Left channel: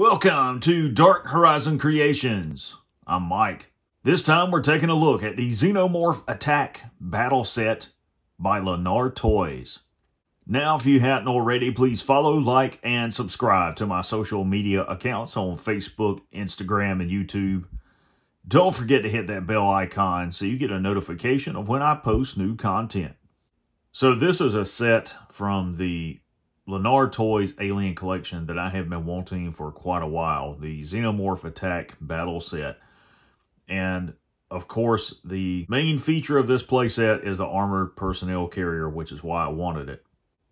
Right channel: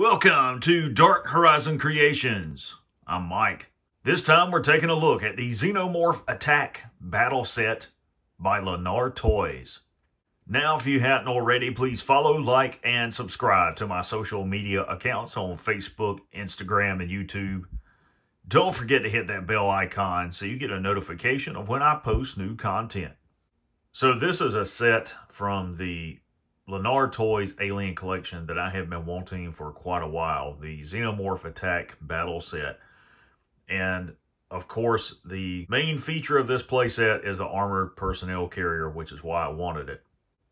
Welcome to Dark Horizon Creations. I'm Mike. This time we're taking a look at the Xenomorph Attack Battle Set by Lanard Toys. Now, if you haven't already, please follow, like, and subscribe to my social media accounts on Facebook, Instagram, and YouTube. Don't forget to hit that bell icon so you get a notification of when I post new content. So this is a set from the Lanard Toys Alien Collection that I have been wanting for quite a while. The Xenomorph Attack Battle Set. And, of course, the main feature of this playset is the Armored Personnel Carrier, which is why I wanted it.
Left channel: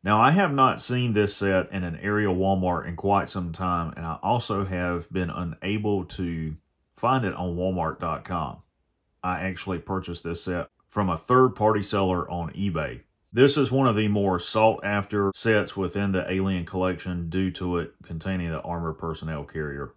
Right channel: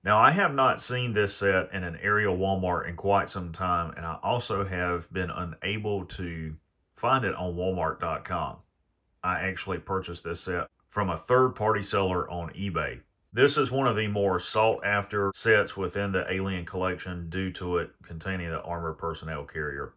Now, I have not seen this set in an area Walmart in quite some time, and I also have been unable to find it on Walmart.com. I actually purchased this set from a third-party seller on eBay. This is one of the more sought-after sets within the Alien Collection due to it containing the Armored Personnel Carrier.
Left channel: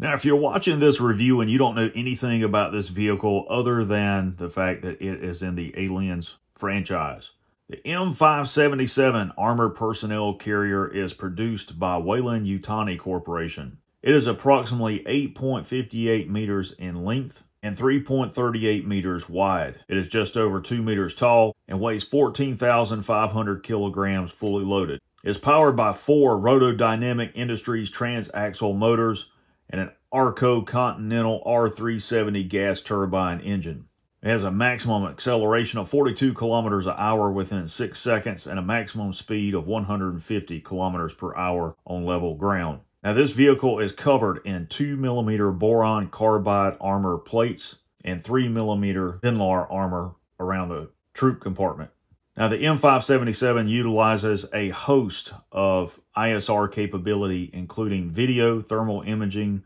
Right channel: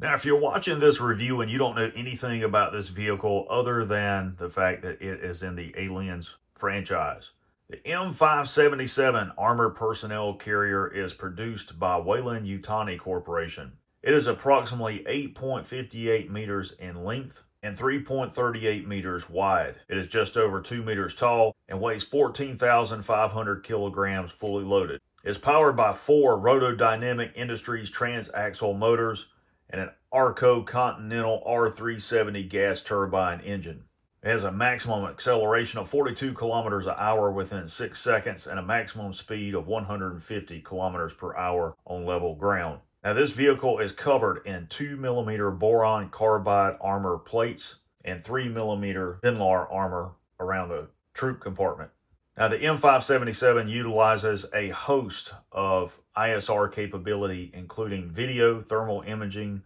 Now, if you're watching this review and you don't know anything about this vehicle other than the fact that it is in the Aliens franchise, the M577 Armored Personnel Carrier is produced by Weyland-Yutani Corporation. It is approximately 8.58 meters in length and 3.38 meters wide. It is just over 2 meters tall and weighs 14,500 kilograms fully loaded. It's powered by 4 Rotodynamic Industries transaxle motors and an Arco Continental R370 gas turbine engine. It has a maximum acceleration of 42 kilometers an hour within 6 seconds and a maximum speed of 150 kilometers per hour on level ground. Now, this vehicle is covered in 2mm boron carbide armor plates and 3mm Lanard armor around the troop compartment. Now, the M577 utilizes a host of ISR capability, including video, thermal imaging,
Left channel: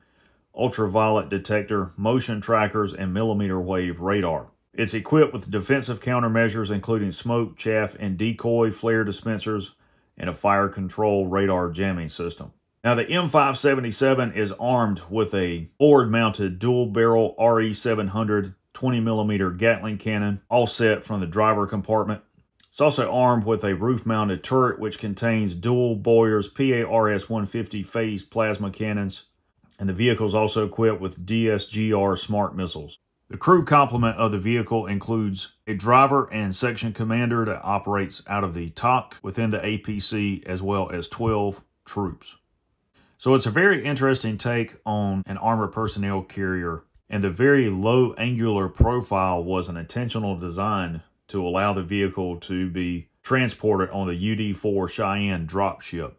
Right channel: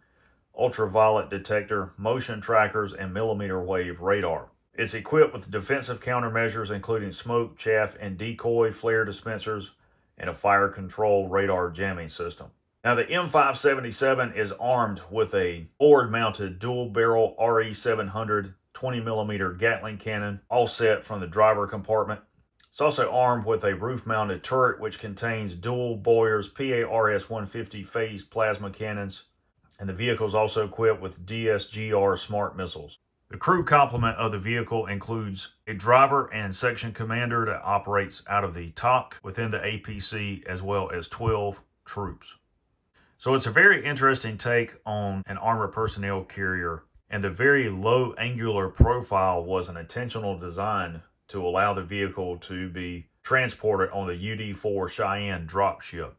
ultraviolet detector, motion trackers, and millimeter wave radar. It's equipped with defensive countermeasures, including smoke, chaff, and decoy flare dispensers, and a fire control radar jamming system. Now, the M577 is armed with a forward-mounted dual-barrel RE700 20mm Gatling cannon, all set from the driver compartment. It's also armed with a roof-mounted turret, which contains dual Boyer's PARS-150 phased plasma cannons, and the vehicle is also equipped with DSGR smart missiles. The crew complement of the vehicle includes a driver and section commander that operates out of the TOC within the APC, as well as 12 troops. So it's a very interesting take on an armored personnel carrier, and the very low angular profile was an intentional design to allow the vehicle to be transported on the UD-4 Cheyenne dropship.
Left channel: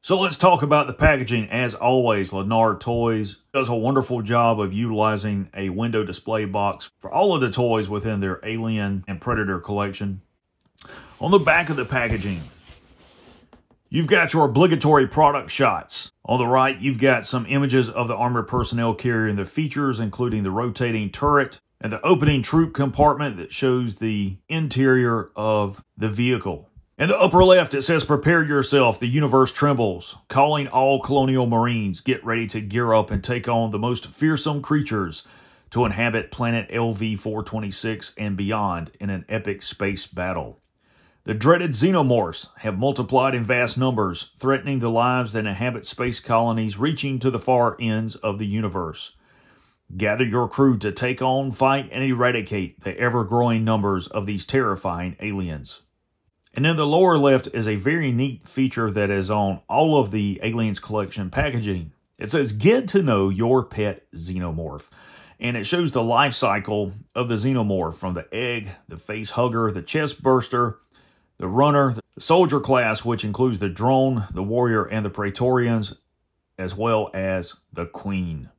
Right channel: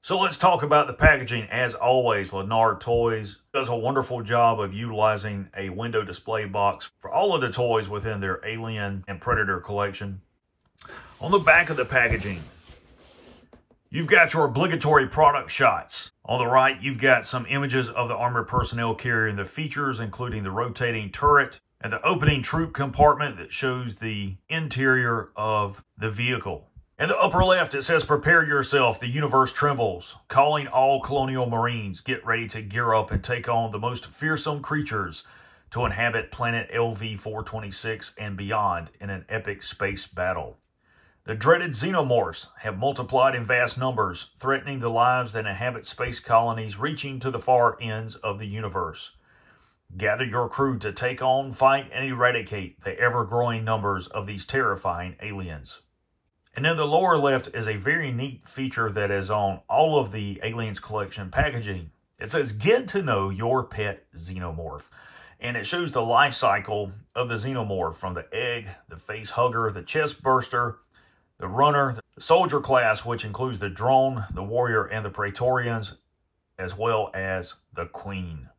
So let's talk about the packaging. As always, Lanard Toys does a wonderful job of utilizing a window display box for all of the toys within their Alien and Predator collection. On the back of the packaging, you've got your obligatory product shots. On the right, you've got some images of the Armored Personnel Carrier and the features, including the rotating turret and the opening troop compartment that shows the interior of the vehicle. In the upper left, it says, "Prepare yourself, the universe trembles. Calling all colonial marines, get ready to gear up and take on the most fearsome creatures to inhabit planet LV-426 and beyond in an epic space battle. The dreaded xenomorphs have multiplied in vast numbers, threatening the lives that inhabit space colonies reaching to the far ends of the universe. Gather your crew to take on, fight, and eradicate the ever-growing numbers of these terrifying aliens." And in the lower left is a very neat feature that is on all of the Aliens Collection packaging. It says, "Get to know your pet xenomorph." And it shows the life cycle of the xenomorph from the egg, the face hugger, the chest burster, the runner, the soldier class, which includes the drone, the warrior, and the Praetorians, as well as the queen.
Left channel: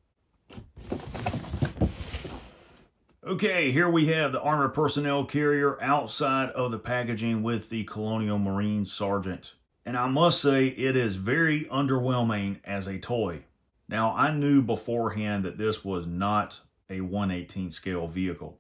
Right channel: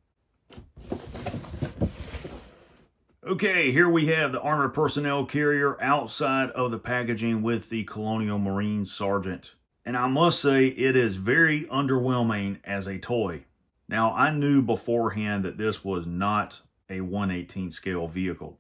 Okay, here we have the Armored Personnel Carrier outside of the packaging with the Colonial Marine Sergeant. And I must say, it is very underwhelming as a toy. Now, I knew beforehand that this was not a 1/18 scale vehicle.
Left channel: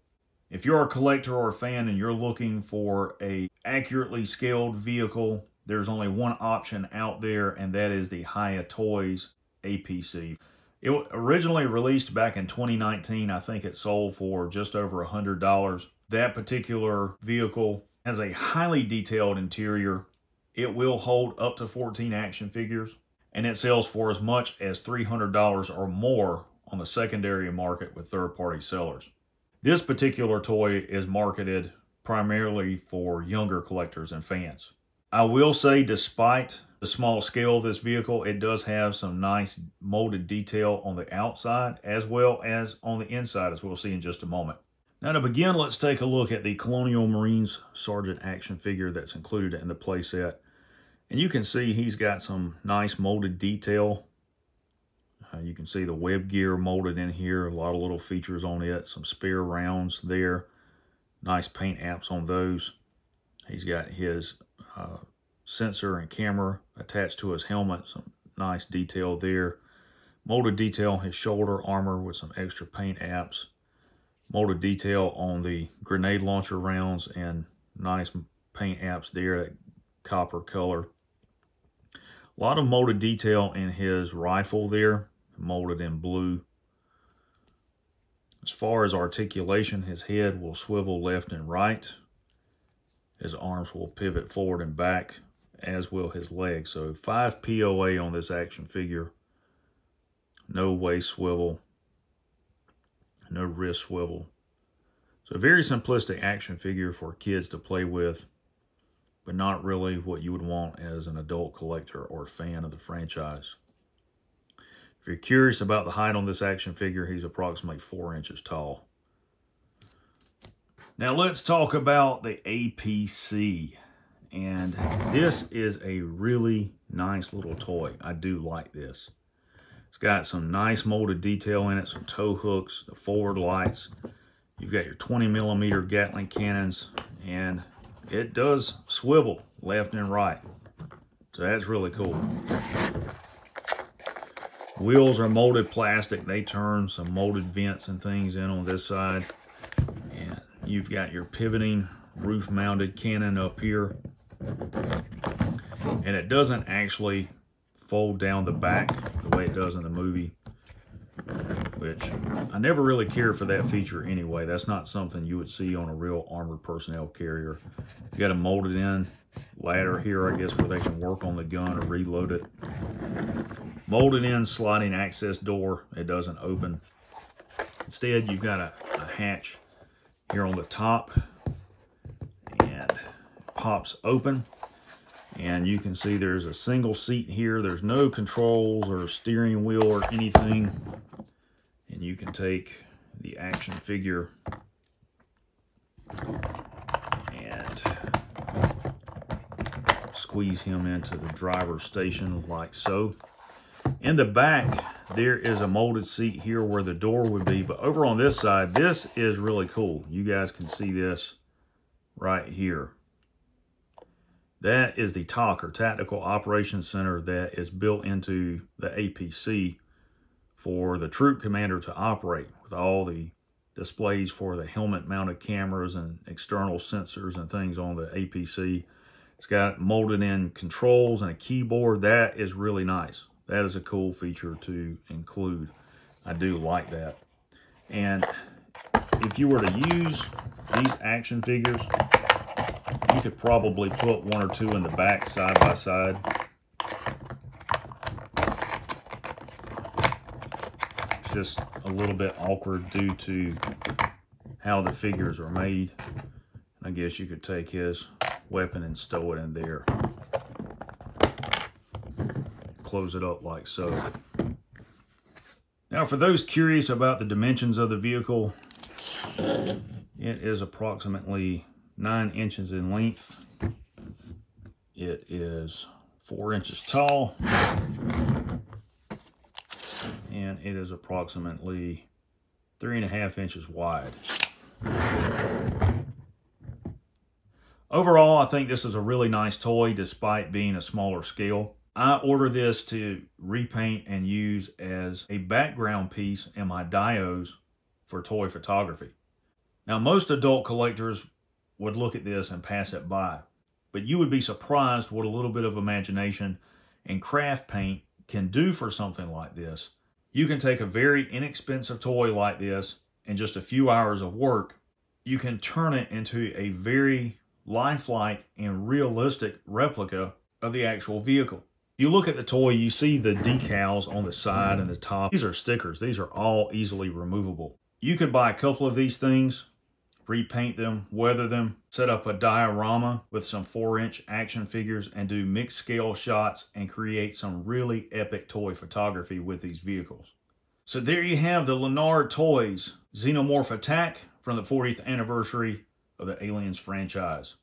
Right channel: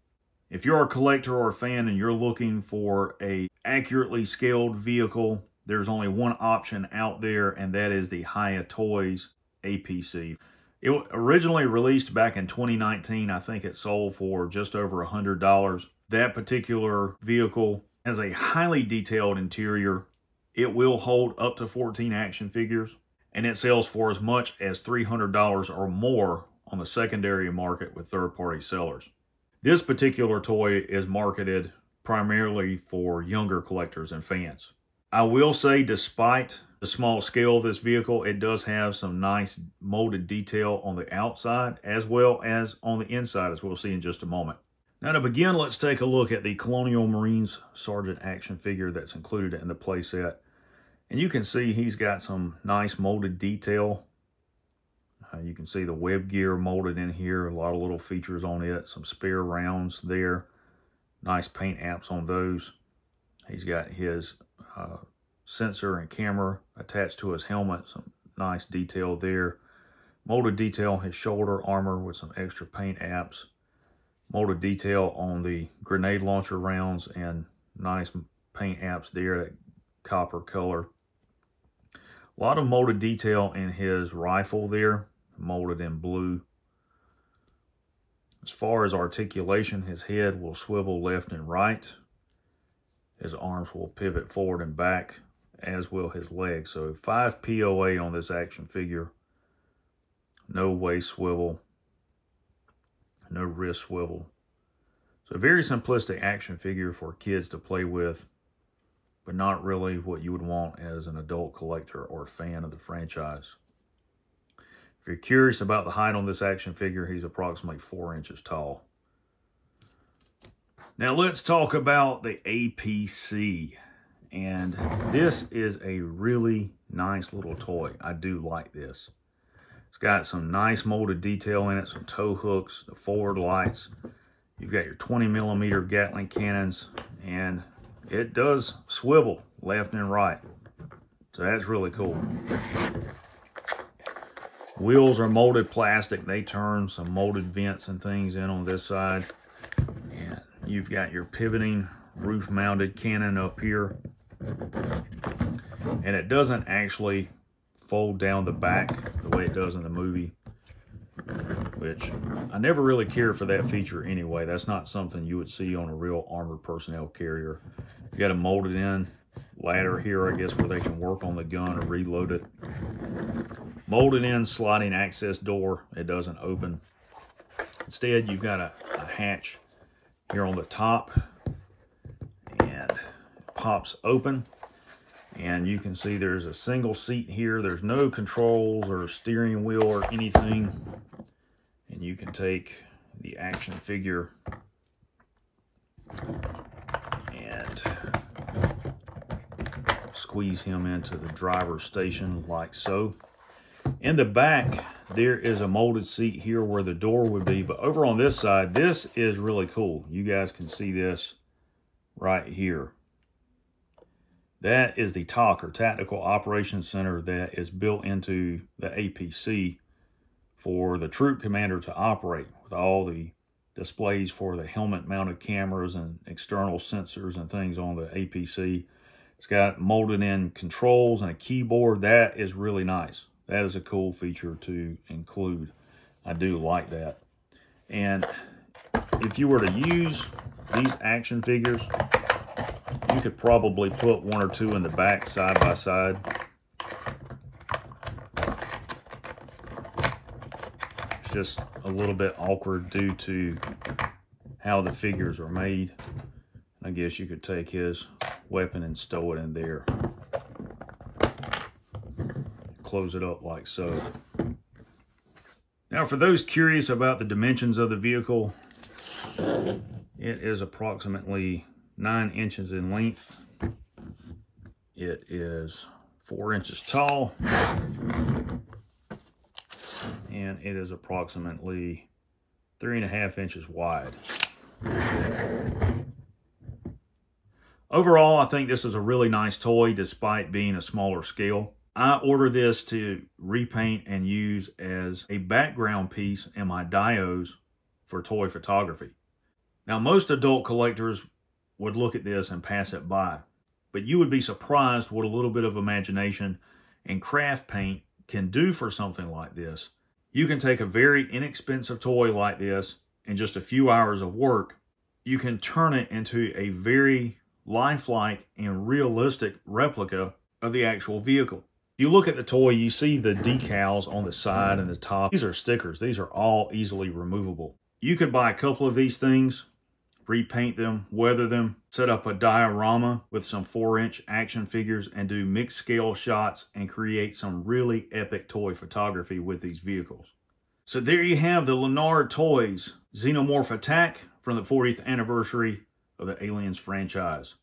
If you're a collector or a fan and you're looking for a accurately scaled vehicle, there's only one option out there, and that is the Hiya Toys APC. It was originally released back in 2019. I think it sold for just over $100. That particular vehicle has a highly detailed interior. It will hold up to 14 action figures. and it sells for as much as $300 or more on the secondary market with third-party sellers. This particular toy is marketed primarily for younger collectors and fans. I will say, despite the small scale of this vehicle, it does have some nice molded detail on the outside as well as on the inside, as we'll see in just a moment. Now, to begin, let's take a look at the Colonial Marines Sergeant action figure that's included in the playset. And you can see he's got some nice molded detail. You can see the web gear molded in here, a lot of little features on it, some spare rounds there. Nice paint apps on those. He's got his sensor and camera attached to his helmet, some nice detail there. Molded detail on his shoulder armor with some extra paint apps. Molded detail on the grenade launcher rounds and nice paint apps there, that copper color. A lot of molded detail in his rifle there, molded in blue. As far as articulation, his head will swivel left and right. His arms will pivot forward and back, as will his legs. So 5 POA on this action figure. No waist swivel. No wrist swivel. So a very simplistic action figure for kids to play with, but not really what you would want as an adult collector or fan of the franchise. If you're curious about the height on this action figure, he's approximately 4 inches tall. Now let's talk about the APC. And this is a really nice little toy. I do like this. It's got some nice molded detail in it, some tow hooks, the forward lights. You've got your 20mm Gatling cannons, and it does swivel left and right. So that's really cool. Wheels are molded plastic. They turn, some molded vents and things in on this side. And you've got your pivoting roof-mounted cannon up here. And it doesn't actually fold down the back the way it does in the movie, which I never really cared for that feature anyway. That's not something you would see on a real armored personnel carrier. You got a molded in ladder here, I guess, where they can work on the gun or reload it. Molded in sliding access door. It doesn't open. Instead, you've got a hatch here on the top, and it pops open. And you can see there's a single seat here. There's no controls or steering wheel or anything. And you can take the action figure and squeeze him into the driver's station like so. In the back, there is a molded seat here where the door would be. But over on this side, this is really cool. You guys can see this right here. That is the TOC, or Tactical Operations Center, that is built into the APC for the troop commander to operate, with all the displays for the helmet-mounted cameras and external sensors and things on the APC. It's got molded in controls and a keyboard. That is really nice. That is a cool feature to include. I do like that. And if you were to use these action figures, you could probably put 1 or 2 in the back side by side. It's just a little bit awkward due to how the figures are made. I guess you could take his weapon and stow it in there. Close it up like so. Now, for those curious about the dimensions of the vehicle, it is approximately 9 inches in length. It is 4 inches tall, and it is approximately 3.5 inches wide. Overall, I think this is a really nice toy despite being a smaller scale. I ordered this to repaint and use as a background piece in my dios for toy photography. Now, most adult collectors would look at this and pass it by, but you would be surprised what a little bit of imagination and craft paint can do for something like this. You can take a very inexpensive toy like this, in just a few hours of work, you can turn it into a very lifelike and realistic replica of the actual vehicle. You look at the toy, you see the decals on the side and the top. These are stickers. These are all easily removable. You could buy a couple of these things, repaint them, weather them, set up a diorama with some 4-inch action figures and do mixed scale shots and create some really epic toy photography with these vehicles. So there you have the Lanard Toys Xenomorph Attack from the 40th anniversary of the Aliens franchise.